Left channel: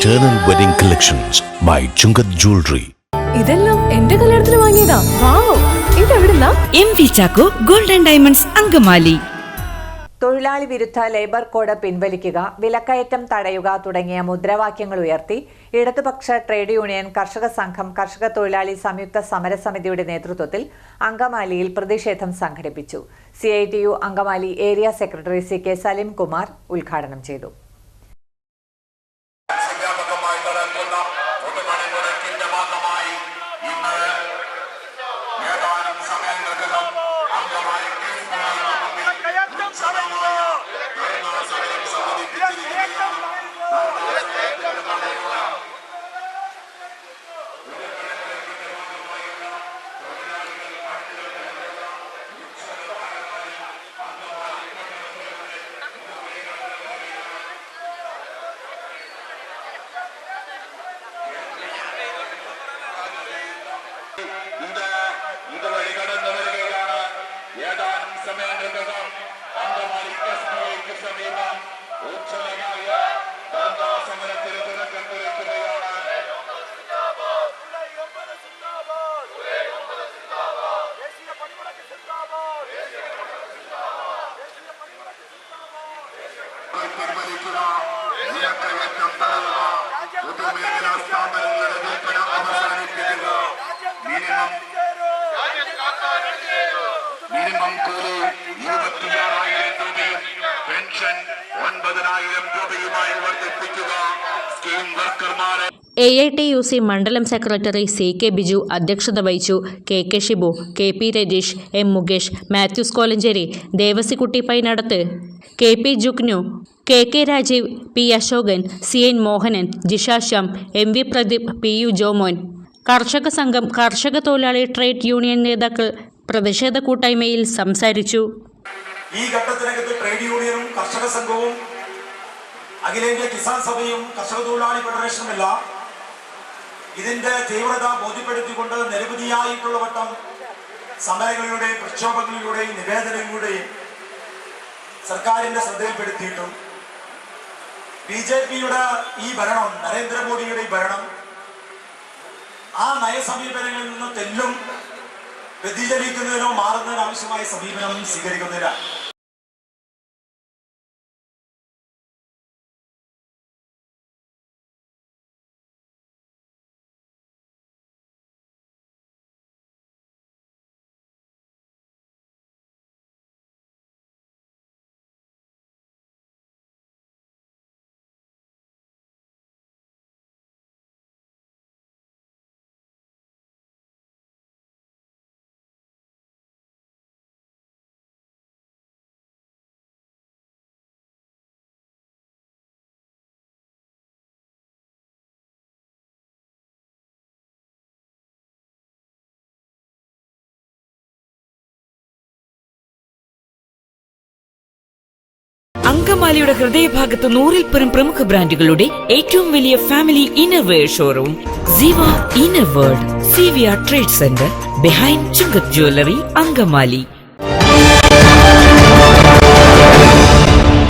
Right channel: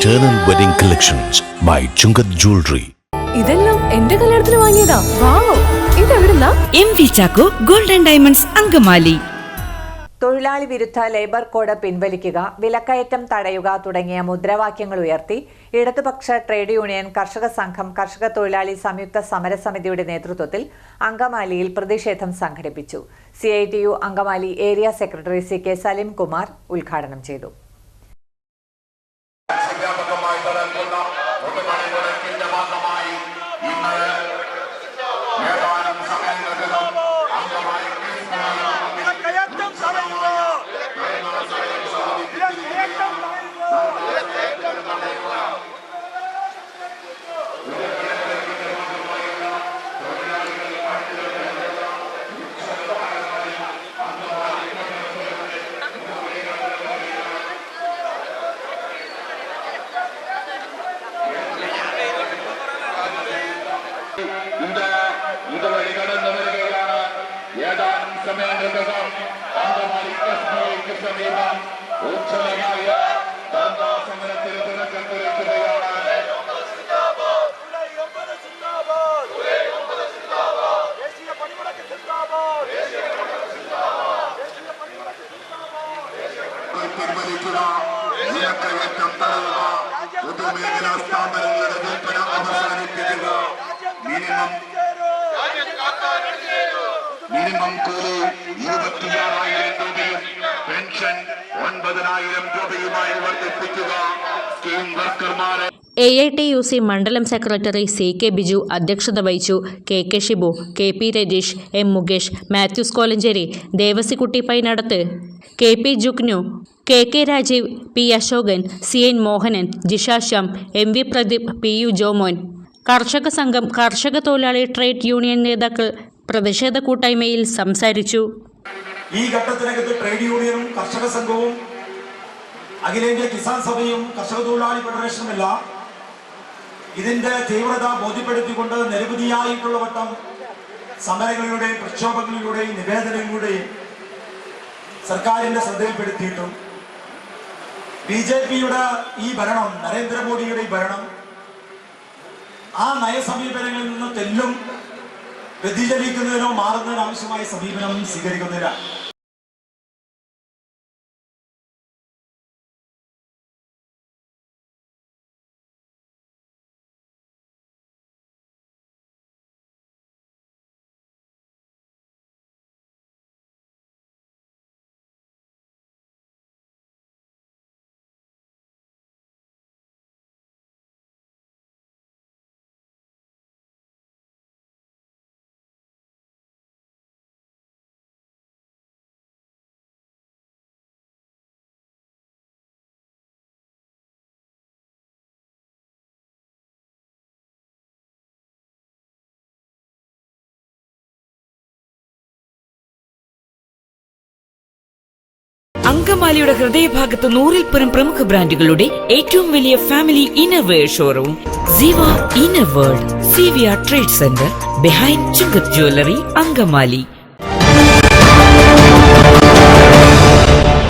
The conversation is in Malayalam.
Eternal Wedding Collections by Chungat Jewelry. ഇതെല്ലാം എന്റെ കല്യാണത്തിന് വാങ്ങിയതാ. വാവ്, ഇതെവിടുന്നാ? MV Chacko Gold and Diamonds Angamaly. തൊഴിലാളി വിരുദ്ധ ലേബർ കോഡ് പിൻവലിക്കുക, വിലക്കയറ്റം തടയുക തുടങ്ങിയ മുദ്രാവാക്യങ്ങൾ ഉയർത്തി ഇടതുപക്ഷ ട്രേഡ് യൂണിയൻ കർഷക സംഘം കർഷക തൊഴിലാളി സംയുക്ത സമരസമിതിയുടെ നേതൃത്വത്തിൽ അങ്കമാലിയിൽ പ്രതിഷേധം സംഘടിപ്പിച്ചു. CITU Angamaly area secretary CK Salim Kumar ഉദ്ഘാടനം ചെയ്തു. ഇതുവഴി കടന്നു വരികയാണ്. ഏതാനും സമയങ്ങൾക്കകം അങ്കമാലി SBIക്ക് സമീപം ഉജ്ജ്വലമായ ധർണാ സമരത്തിന് തുടക്കം കുറിക്കുകയാണ്. പിൻവലിക്കുക, വിലക്കയറ്റം തടയുക, പൊതുമേഖലാ സ്ഥാപനങ്ങളുടെ വിൽപ്പന അവസാനിപ്പിക്കുക, മിനിമം കൂലി 26,000 രൂപയും പെൻഷൻ 9,000 രൂപയുമായി വർദ്ധിപ്പിക്കുക. സ്കീം വർക്കർമാരെ AITUC മണ്ഡലം സെക്രട്ടറി CK ബിജു അധ്യക്ഷത വഹിച്ചു. KK Shibu, KP Rajeesh, M Mukesh, Mathews Kolenchery, Devasikutty Painadath, KP Jugnu, KK Rajeev, P Ashokan, CN Mohanan, Jisha Shyam, MV Pradeep, PU Jomon, കർഷക സംഘം കർഷക തൊഴിലാളി ട്രേഡ് യൂണിയൻ നേതാക്കൾ പ്രതിഷേധ കൂട്ടായ്മയിൽ സംസാരിച്ചു. ഈ ഘട്ടത്തിനകത്ത് ട്രേഡ് യൂണിയനും കർഷക സംഘവും അഖിലേന്ത്യാ കിസാൻ സഭയും കർഷക തൊഴിലാളി ഫെഡറേഷനുമെല്ലാം ഇതിന്റെ തീവ്രത ബോധ്യപ്പെടുത്തിക്കൊണ്ട് നിരവധിയായിട്ടുള്ള വട്ടം സമരങ്ങളിലൂടെയും പ്രക്ഷോഭങ്ങളിലൂടെയും നിവേദനങ്ങളിലൂടെയും സർക്കാരിന്റെ ശ്രദ്ധയിൽപ്പെടുത്തിയിട്ടും BJPയുടെ ഈ ഭരണം, നരേന്ദ്രമോദിയുടെ ഈ ഭരണം ആ നയസമീപനങ്ങളിൽ നിന്ന് തെല്ലും വ്യതിചലിക്കുന്നതിനോ മാറുന്നതിനോ ആവശ്യമായ സമീപനം സ്വീകരിക്കുന്നില്ല. അങ്കമാലിയുടെ ഹൃദയഭാഗത്ത് 100-ൽ പ്രമുഖ ബ്രാൻഡുകളുടെ ഏറ്റവും വലിയ family innerwear showroom Siva inner world, CVR trade centre, behind Chungath jewellery, Angamaly.